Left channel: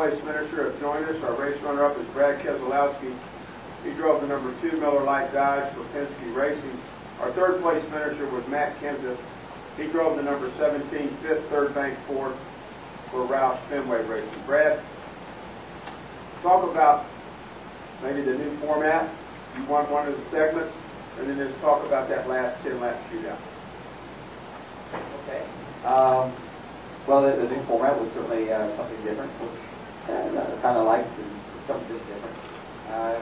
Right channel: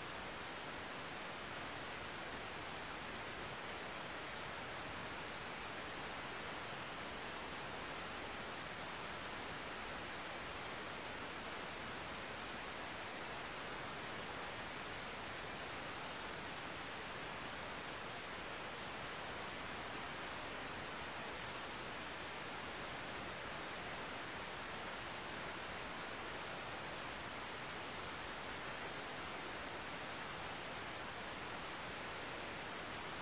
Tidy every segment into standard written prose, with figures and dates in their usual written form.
place finisher has joined us. Our race runner-up is Brad Keselowski. He drove the number 2 Miller Lite Dodge for Penske Racing. Our third place finisher was Matt Kenseth. He drove the number 17 Fifth Third Bank Ford for Roush Fenway Racing. Brad, talk about maybe the new format. You won one of the segments, and then just talk about that last 10-lap shootout. Okay. Well, the new format was certainly something different, which kind of liked something just different.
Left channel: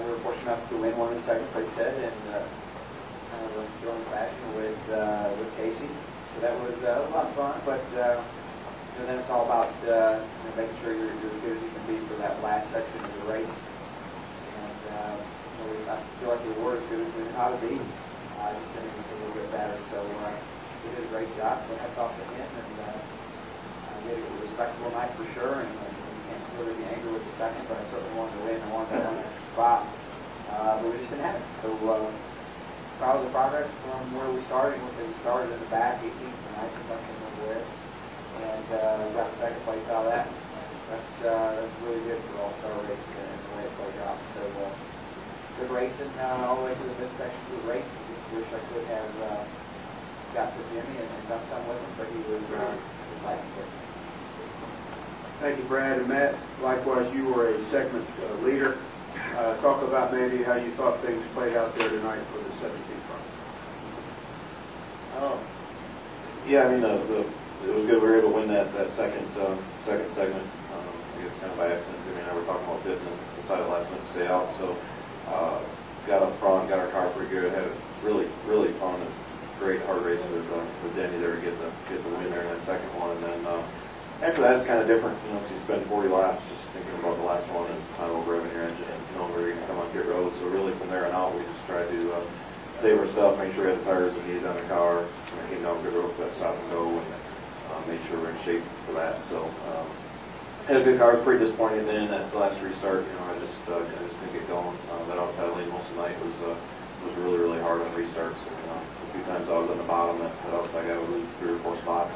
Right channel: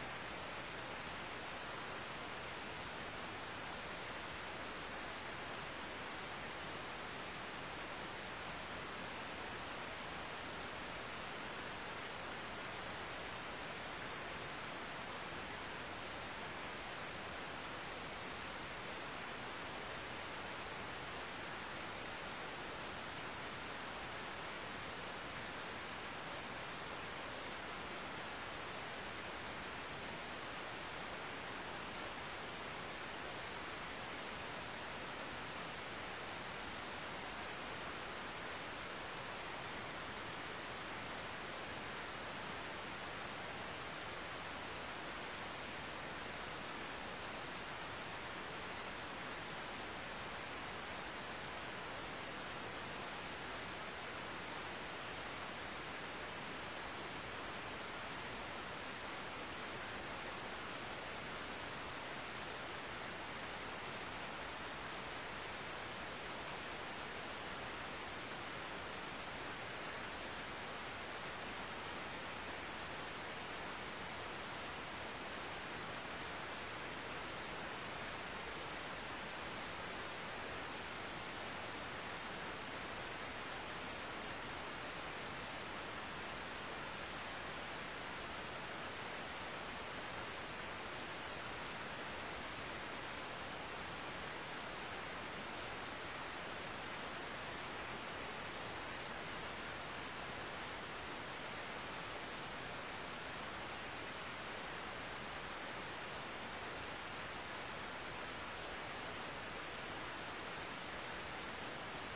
We were fortunate enough to win one of the segments, like I said, and kind of going fashion with Casey. So that was a lot of fun, but then it's all about making sure you're as good as you can be for that last section of the race. And I feel like the award is good as it ought to be. Just going to be a little bit better. So he did a great job. So hats off to him. And it was a respectable night for sure. And can't really be angry with the second, but I certainly wanted to win. I wanted to win that spot. But we just didn't have it. So proud of the progress from where we started. We started in the back, 18th and 19th, I can remember it. And got second place out of that. That's really good for all-star racing and the way it played out. So good racing all the way to the midsection of the race. Just wish I could have got to Jimmy and done some with him, but he was fighting for it. Thank you, Brad. And Matt, likewise, you were a segment leader. Talk about maybe how you thought things played out there tonight for the 17th run. Yeah, I mean, it was good. We were able to win that second segment. I guess kind of by accident. Jimmy and I were talking about this and decided last minute to stay out. So got up front, got our car pretty good. Had a really fun and great hard race with Denny there to get the win there in that second one. And then after that, it's kind of different. You spend 40 laps just thinking about the last one and kind of revving your engine and knowing where you're going to come on pit road. So really from there on out, we just tried to save our stuff, make sure we had the tires we needed on the car, came down pit road for that stop and go, and made sure we're in shape for that. So had a good car. I was pretty disappointed then at the last restart. I just couldn't get going. That outside lane most of the night was really hard on restarts. And, a few times I was on the bottom. That outside guy would lose 3 or 4 spots.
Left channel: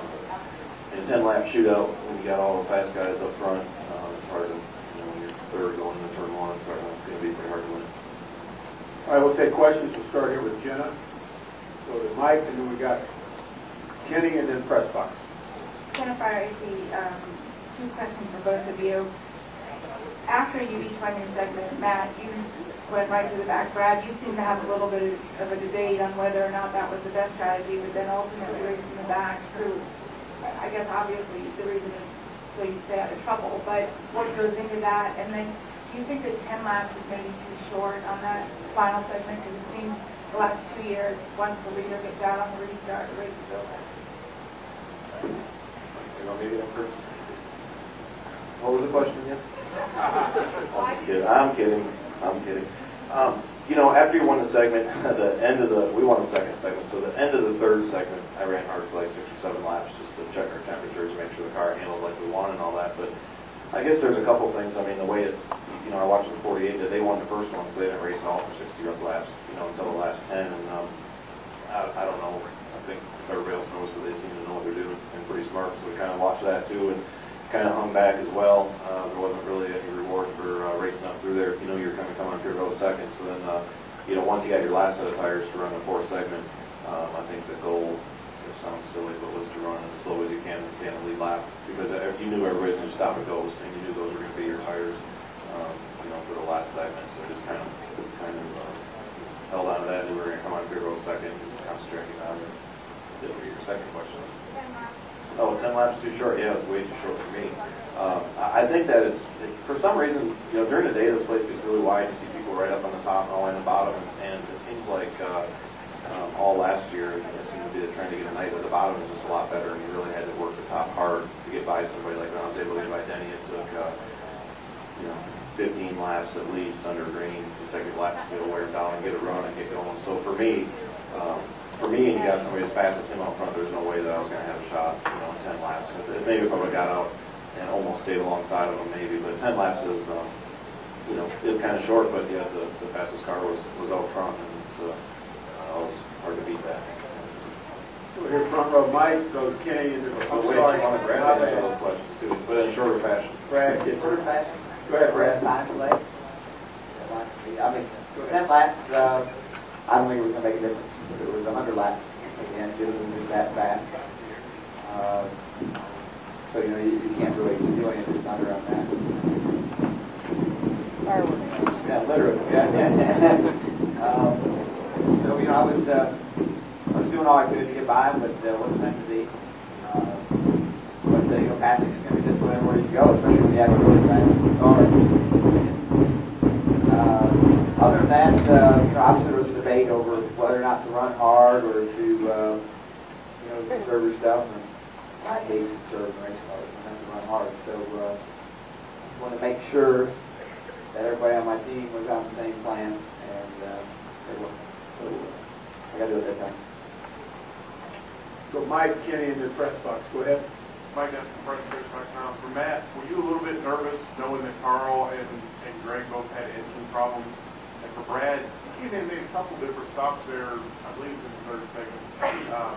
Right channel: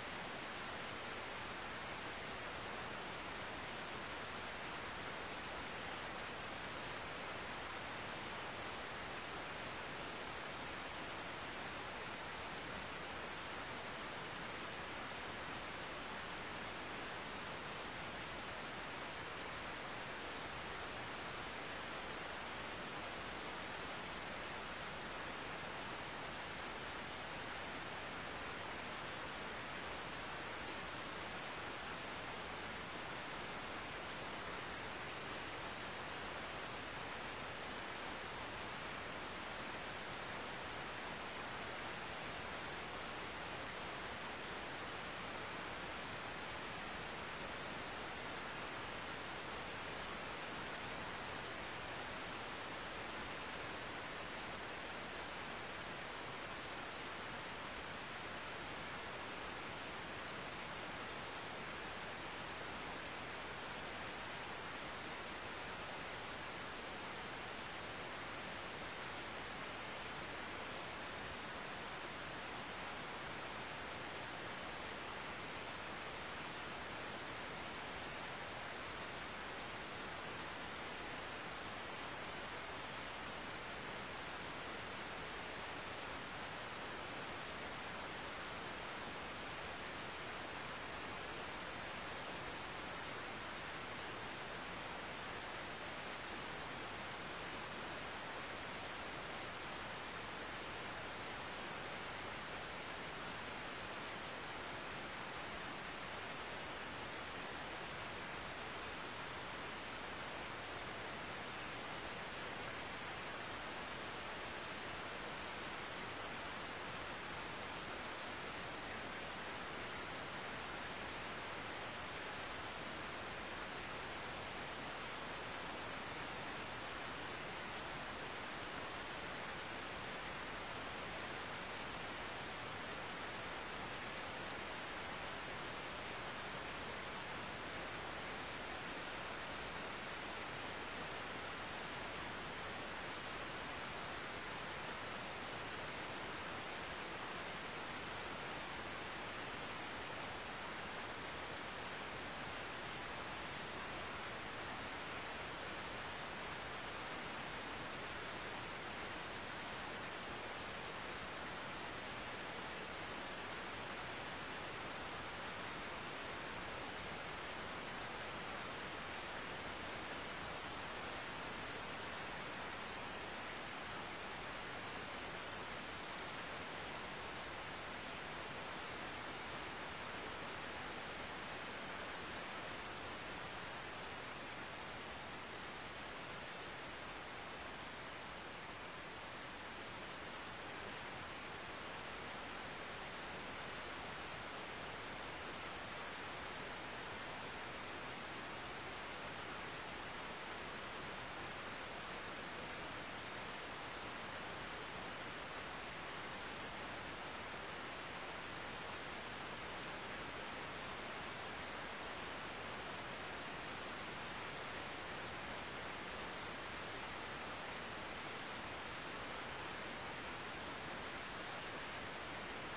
In a 10-lap shootout, when you got all the fast guys up front, it's hard to, when you're third going into turn one, it's going to be pretty hard to win. All right, we'll take questions. We'll start here with Jenna. Go to Mike, and then we got Kenny, and then press box. Jennifer, I see 2 questions for both of you. After you each won your segment, Matt, you went right to the back. Brad, you seem to have a little bit of a debate on whether or not that was the best strategy, but then ultimately racing in the back proved, I guess obviously the reason is so you stay out of trouble, but what goes into that? And then do you think that 10 laps is maybe too short on that final segment? Because it seems the last 2 years, once the leader gets out on the restart, the race is over. What was the question again? I'm kidding. After you won the segment, we won the second segment, so the end of the third segment, I ran hard for like 6 or 7 laps just to check our temperatures, make sure the car handled like we wanted and all that. But I guess there's a couple things. I mean, the way it's, I watched the 48 that they won the first one, so they didn't race at all for 60 rough laps, until the last 10. And I don't know. I think everybody else knows, but they seem to know what they're doing and pretty smart. So we kind of watched that too and kind of hung back as well. There wasn't really any reward for racing up through there if you knew you were going to come on through those seconds. So then, once you got your last set of tires to run the 4th segment, I think the goal, it sounds silly, but was to run as slow as you can and stay on the lead lap. Because if you knew everybody's going to stop and go, and you knew those were going to be your tires, for the last segment. So just kind of held on to that, and we were going to come on through road second, and concentrating on your second question. 10 laps too short? Yeah, it was way too short for me. I think that it's, for some reason, during the day this place gets really wide. You see people right up on the top and all the way on the bottom, and it seems like all last year it seemed to be trying to get a night at the bottom was just a lot better, and you really had to work the top hard to get by somebody like that. I was able to get by Denny. It took 15 laps at least under green, consecutive laps to get a wear down and get a run and get going. So for me, and you got somebody as fast as him out front, there's no way that I was going to have a shot, 10 laps. Maybe if I would have got out and almost stayed alongside of them, maybe. But 10 laps is, is kind of short. But yeah, the fastest car was out front, and so it was hard to beat that. We're here front row, Mike. Go to Kenny. I'm sorry, I want to grab those questions too, but in a shorter fashion. Brad gets First it. pass. Go ahead, Brad. Time delay. I mean, 10 laps, I don't think it was going to make a difference. If it was 100 laps, again, it would have been that fast. So, you know, you can't really do anything just under on that. Yeah, literally. Yeah. So, you know, I was doing all I could to get by him, but it wasn't meant to be. But, you know, passing is just where you go, especially when you have a really fast car. Other than that, you know, obviously there was a debate over whether or not to run hard or to, you know, conserve yourself. And I hate conserving race cars. I have to run hard. So I want to make sure that everybody on my team was on the same plan. And so I got to do it that time. So Mike, Kenny, in your press box. Go ahead. Mike, that's PressBreaks.com. For Matt, were you a little bit nervous knowing that Carl and Greg both had engine problems? And for Brad, he made a couple different stops there, I believe it was the third segment, or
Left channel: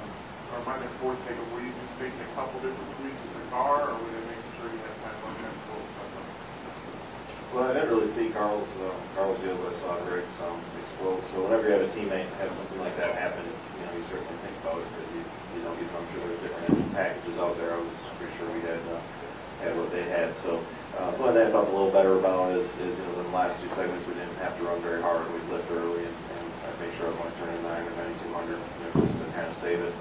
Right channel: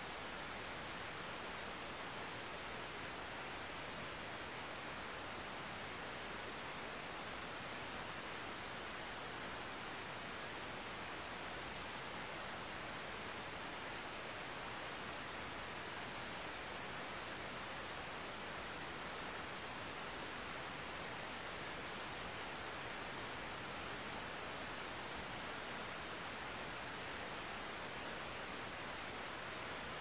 might have been fourth segment. Were you making a couple different tweaks with the car, or were they making sure you had time like that? Well, I didn't really see Carl's deal, but I saw Greg's explode. So whenever you have a teammate have something like that happen, you know, you certainly think about it, because you know, I'm sure there's different engine packages out there. I was pretty sure we had what they had. So one thing I felt a little better about is you know, in the last two segments we didn't have to run very hard. We flipped early, and I made sure I wasn't turning 9 or 9200, you know, just to kind of save it.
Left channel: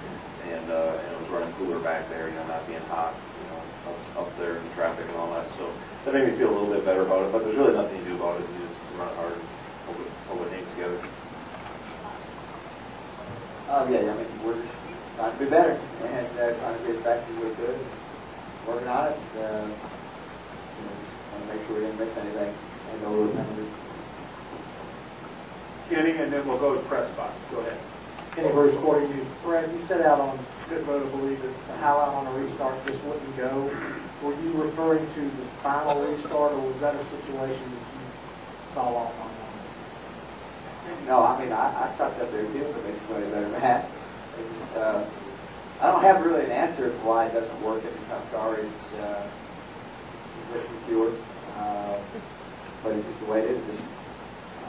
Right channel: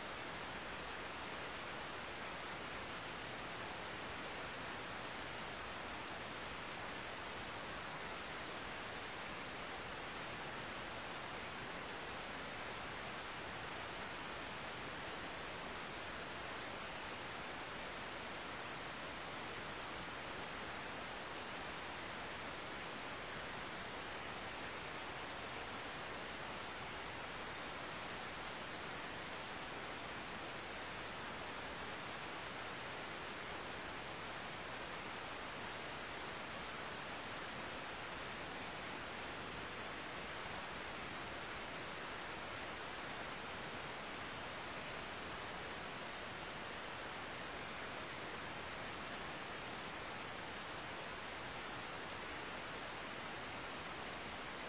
And it was running cooler back there, you know, not being hot, you know, up there in the traffic and all that. So that made me feel a little bit better about it. But there's really nothing to do about it. You just run hard and hold it things together. Yeah, I mean, we're just trying to do better and trying to be as fast as we could. Working on it. You know, want to make sure we didn't miss anything. I know we were kind of Kenny, and then we'll go to press box. Go ahead. Kenny Bruce, according to you, Brad, you set out on good road to believe that the highlight on a restart just wouldn't go. Were you referring to the final restart, or was that a situation that you saw off on? No, I mean, I sucked up there too, but they can play better than that. I don't have really an answer for why it doesn't work in the Cup car. It's pure. But it's just the way it is. Just,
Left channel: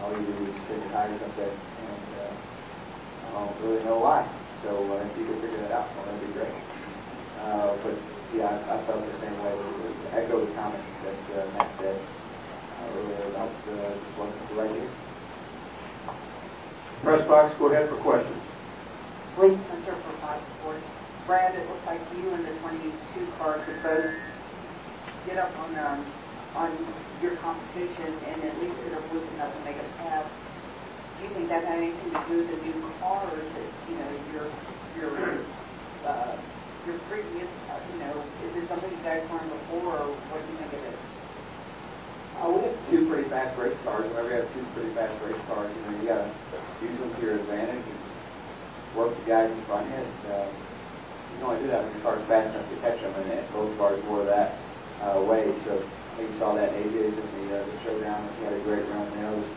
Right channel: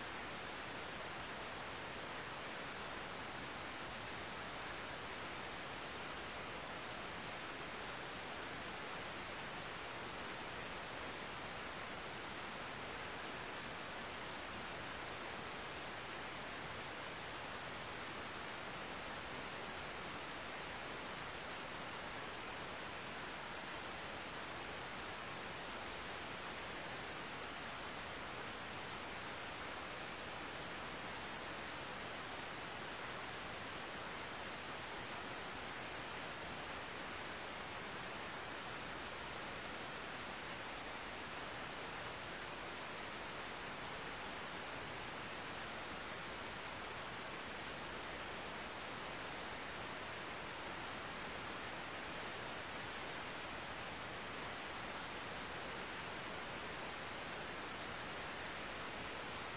all you do is kick the tires up there, and I don't really know why. So if you could figure that out, well, that'd be great. But yeah, I felt the same way. I echo the comments that Matt said earlier about it wasn't the right year. Press box, go ahead for questions. Lee Spencer for Fox Sports. Brad, it looks like you and the 22 car could both get up on your competition and at least sort of loosen up and make a pass. Do you think that had anything to do with the new car, or is it, you know, your previous, you know, is it something you guys learned before, or what do you think of it? We have two pretty fast race cars. Whenever you have two pretty fast race cars, you know, you got to use them to your advantage and work the guys in front of you. You can only do that when your car's fast enough to catch them, and both cars more that way. So I think you saw that AJ's in the showdown. He had a great run there. I was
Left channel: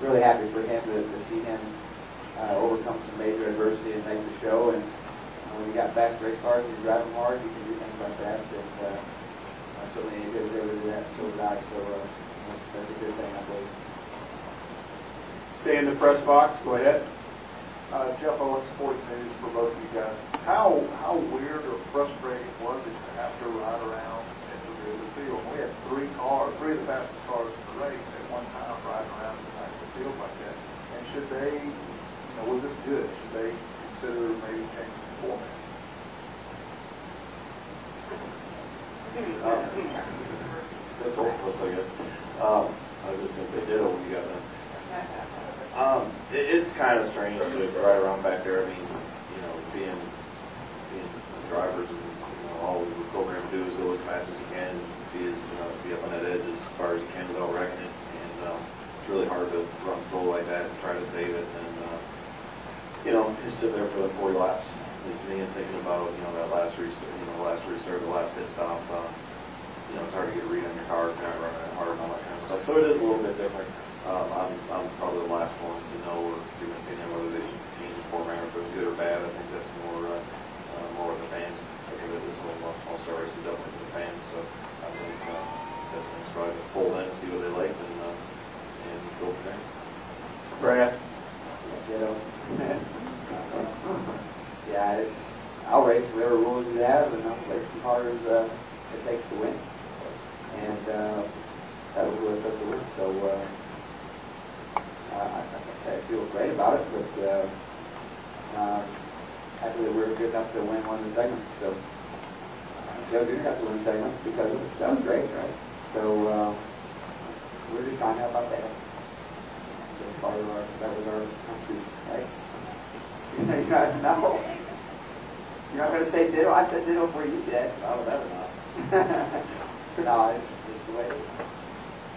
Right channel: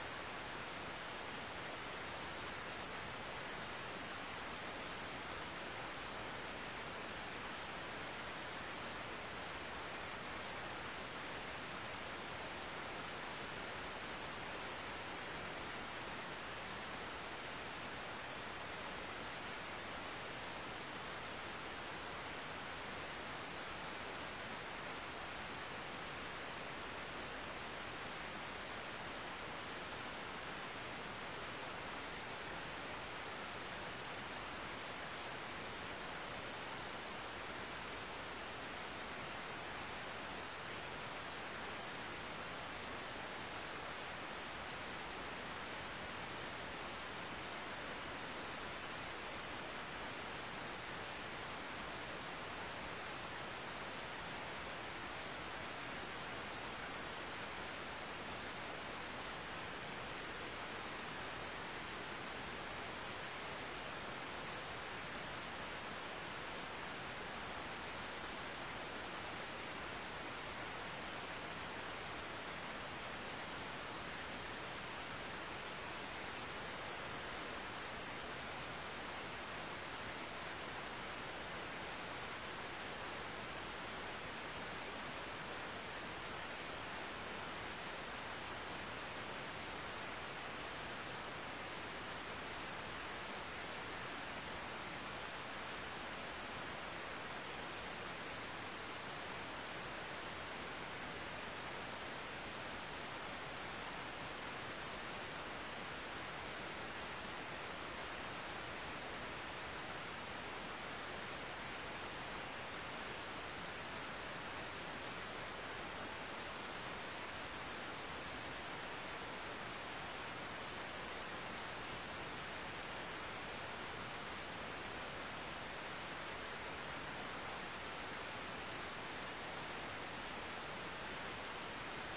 really happy for him to see him overcome some major adversity and make the show. And when you got fast race cars and you drive them hard, you can do things like that. And so many good able to do that so guys. So that's a good thing, I believe. Stay in the press box. Go ahead. Jeff Owens, Sports News, for both of you guys. How weird or frustrating was it to have to ride around in the field? We had three of the fastest cars in the race at one time riding around the field like that. And should they, you know, was this good? Should they consider maybe changing the format? That's all I'll say, yes. I was just going to say ditto when you got done. It's kind of strange to ride around back there. I mean, you know, being drivers, and you know, all we were programmed to do is go as fast as you can, and be up on that edge as far as you can without wrecking it. And it's really hard to run slow like that and try to save it. And you know, just sit there for the 40 laps. Just me and thinking about that last restart, the last pit stop. You know, it's hard to get a read on your car if you're not running that hard and all that kind of stuff. So it is a little bit different. I'm probably the last one to know or to whether they should change the format, if it's good or bad. I think that's more with the fans. I think that this whole All-Star race is up to the fans. So I think pull in, see what they like, and go from there. Brad? You know? Yeah, I'll race whatever rules you have, and I'll race as hard as it takes to win. And that was what it took to win. So I feel great about it, but happy that we were good enough to win one of the segments. So Joe did have to win segments because of it. That was great, right? So we're just trying to help out that. That was our right? No. You're not going to say ditto? I said ditto before you said. Oh, that was not. No, it's just the way it is.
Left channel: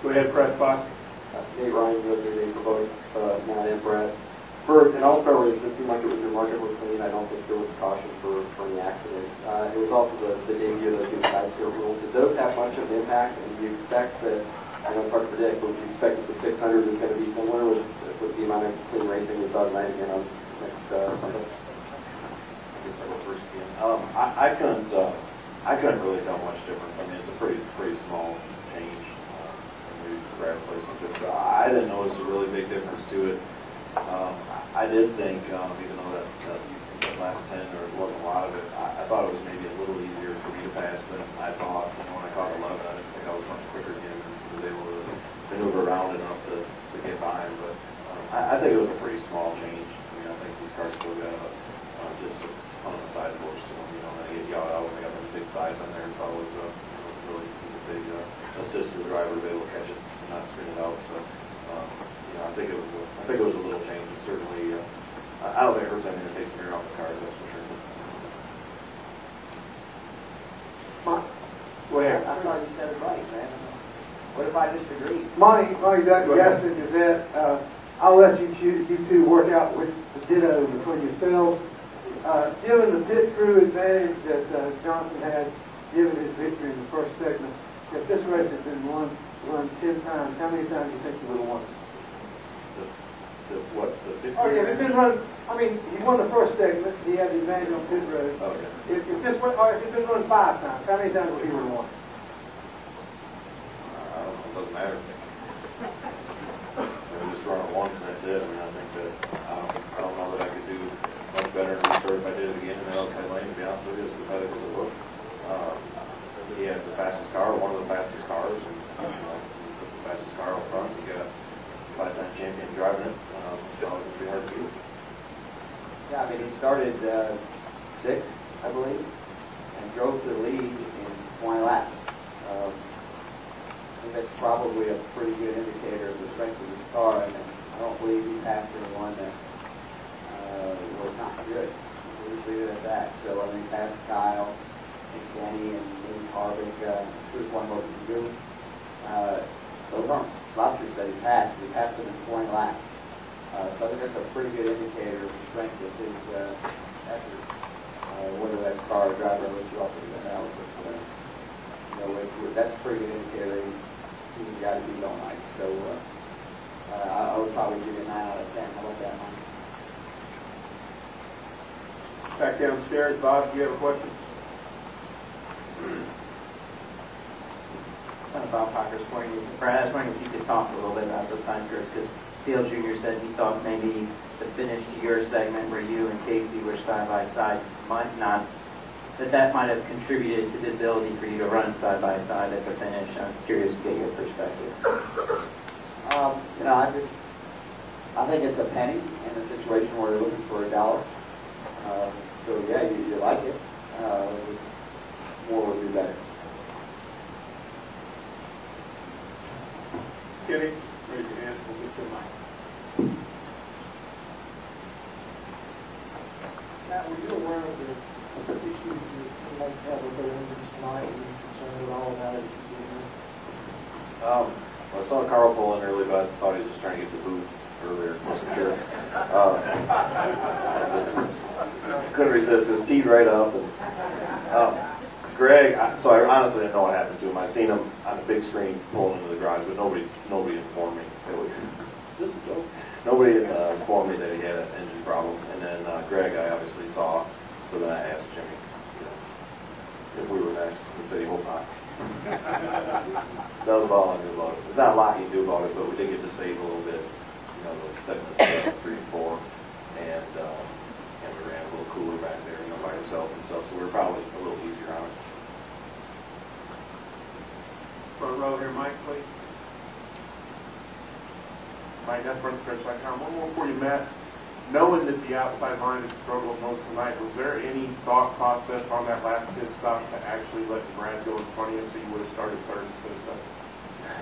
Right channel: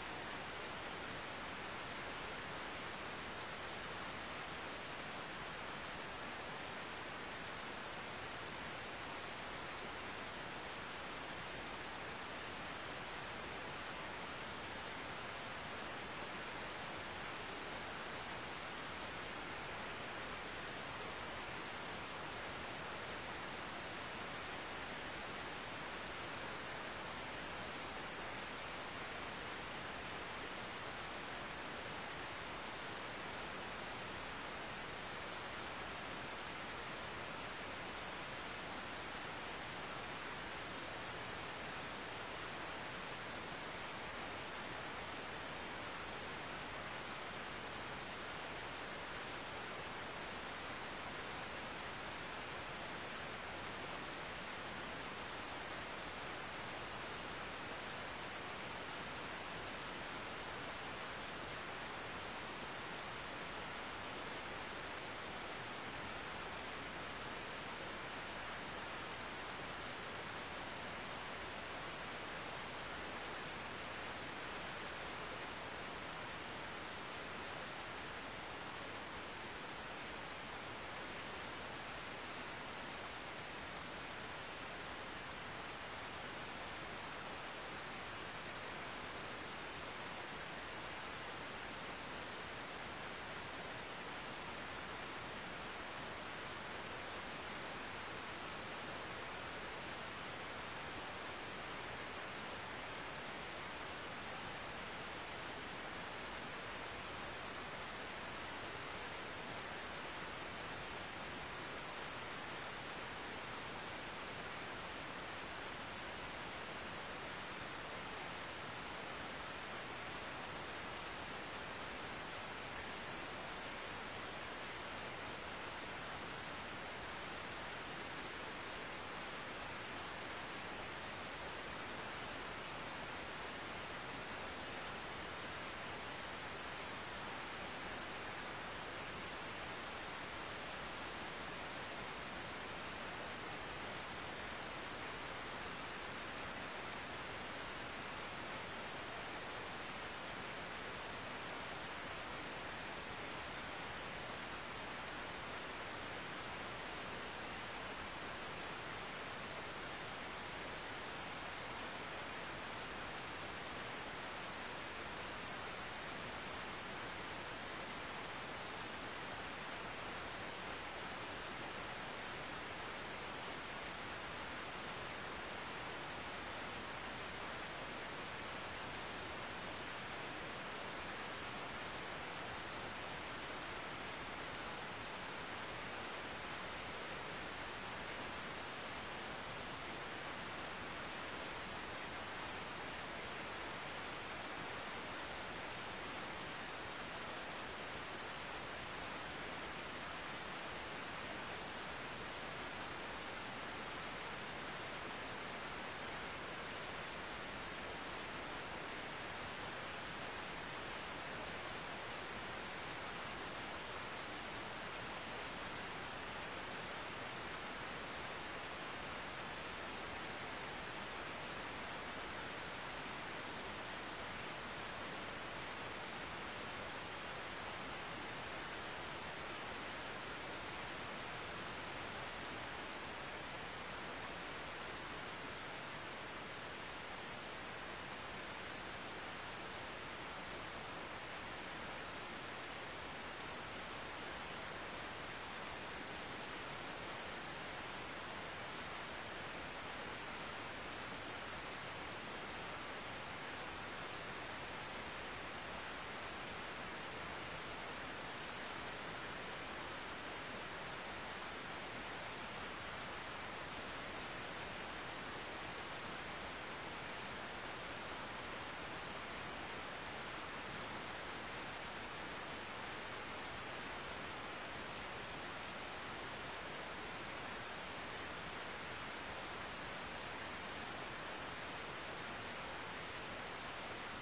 Go ahead, Fred Fox. Nate Ryan, USA for both Matt and Brad. For an all-star race, this seemed like it was remarkably clean. I don't think there was caution for any accidents. It was also the debut of those new side skirt rules. Did those have much of an impact? And do you expect that, I know it's hard to predict, but do you expect that the 600 is going to be similar with the amount of clean racing we saw tonight again on next Sunday? I couldn't really tell much difference. I mean, it's a pretty small change. New grab placement. I didn't notice a really big difference to it. I did think, even though that last 10 there wasn't a lot of it, I thought it was maybe a little easier for me to pass than I thought. When I caught 11, I didn't think I was much quicker again and was able to maneuver around enough to get by him. But I think it was a pretty small change. I mean, I think these cars still got just on the sideboards. You know, when they got them big sides on there, it's always really a big assist to the driver to be able to catch it and not screen it out. So, you know, I think it was a little change. It certainly, I don't think it hurts anything to take some air off the cars. That's for sure. Go ahead. I thought you said it right, man. What if I disagree? Monty Gaston Gazette, I'll let you two work out which the ditto between yourselves. Given the pit crew advantage that Johnson had, given his victory in the first segment, if this race has been run 10 times, how many times do you think you would have won? Oh, yeah, if it's been run, I mean, he won the first segment, he had the advantage on pit road. Okay. If it's been run 5 times, how many times would he would have won? I don't know. It doesn't matter. We just run it once and that's it. I mean, I think that I don't know that I could do much better in the restart if I did it again in the outside lane. To be honest with you, it's pathetic as it looks. He had the fastest car, one of the fastest cars, and put the fastest car up front. You got a 5-time champion driving it. It's going to be hard to beat. Yeah, I mean, he started 6th, I believe, and drove to the lead in 20 laps. I think that's probably a pretty good indicator of the strength of his car, and I don't believe he passed anyone that was not good. He was leave it at that. So, I mean, passed Kyle, and Danny, and Lee Harvick, who's one more than you. Those aren't lobsters that he passed. He passed them in 20 laps. So I think that's a pretty good indicator of the strength of his effort. Whether that's car or driver, which you also don't know. But that's a pretty good indicator that he's got to be all night. So I would probably give it a 9 out of 10. How about that, Mike? Back downstairs, Bob, do you have a question? Bob Parker, Brad, I was wondering if you could talk a little bit about those time trips, because Field Jr. said he thought maybe the finish to your segment where you and Casey were side by side might not, that might have contributed to the ability for you to run side by side at the finish. I was curious to get your perspective. You know, I think it's a penny in a situation where you're looking for $1. So yeah, you like it. More would be better. Kenny, raise your hand. We'll get to the mic. Matt, were you aware of the issues you might have with the engines tonight and concerned at all about it? I saw Carl pull in early, but I thought he was just trying to get the boot earlier. Wasn't sure. Couldn't resist. It was teed right up. And Greg, so I honestly didn't know what happened to him. I seen him on the big screen pulling into the drive, but nobody informed me. Nobody informed me that he had an engine problem. And then Greg, I obviously saw, so then I asked Jimmy if we were next. He said he hoped not. That was all I knew about it. There's not a lot you can do about it, but we did get to save a little bit, you know, the segments 3 and 4, and we ran a little cooler back there, you know, by ourselves and stuff, so we were probably a little easier on it. Front row here, Mike, please. Mike, that's first com. One more for you, Matt. Knowing that the outside line has struggled most tonight, was there any thought process on that last pit stop to actually let Brad go in front of you so you would have started third instead of second?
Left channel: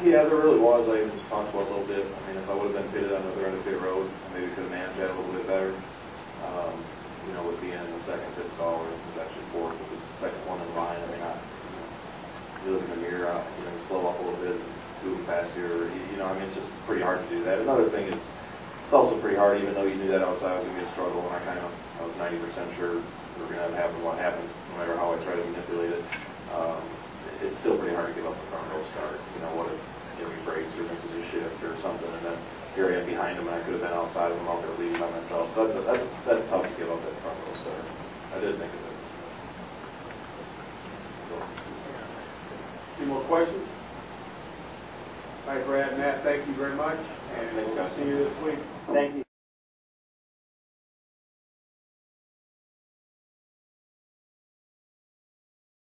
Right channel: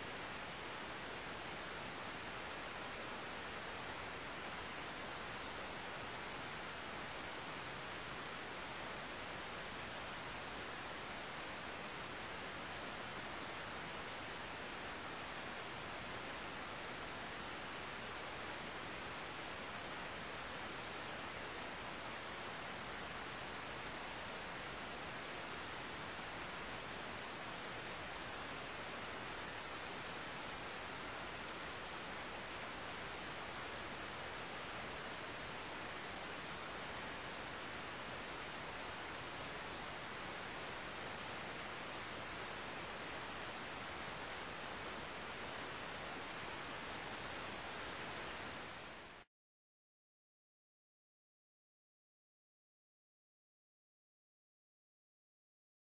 Yeah, there really was. I even talked about it a little bit. I mean, if I would have been pitted on the other end of pit road, maybe could have managed that a little bit better. You know, with being in the second pit stall, or actually fourth, with the second one in line, I mean, you look in the mirror, you know, slow up a little bit, moving past here, you know, I mean, it's just pretty hard to do that. Another thing is, it's also pretty hard, even though you knew that outside was going to be a struggle, and I was 90% sure we were going to have what happened, no matter how I try to manipulate it. It's still pretty hard to give up the front row start. You know, what if he breaks or misses a shift or something, and then here I am behind him, and I could have been outside of him out there leading by myself. So that's tough to give up that front row start. I did think of it. Any more questions? All right, Brad, Matt, thank you very much, and we'll see you this week. Thank you.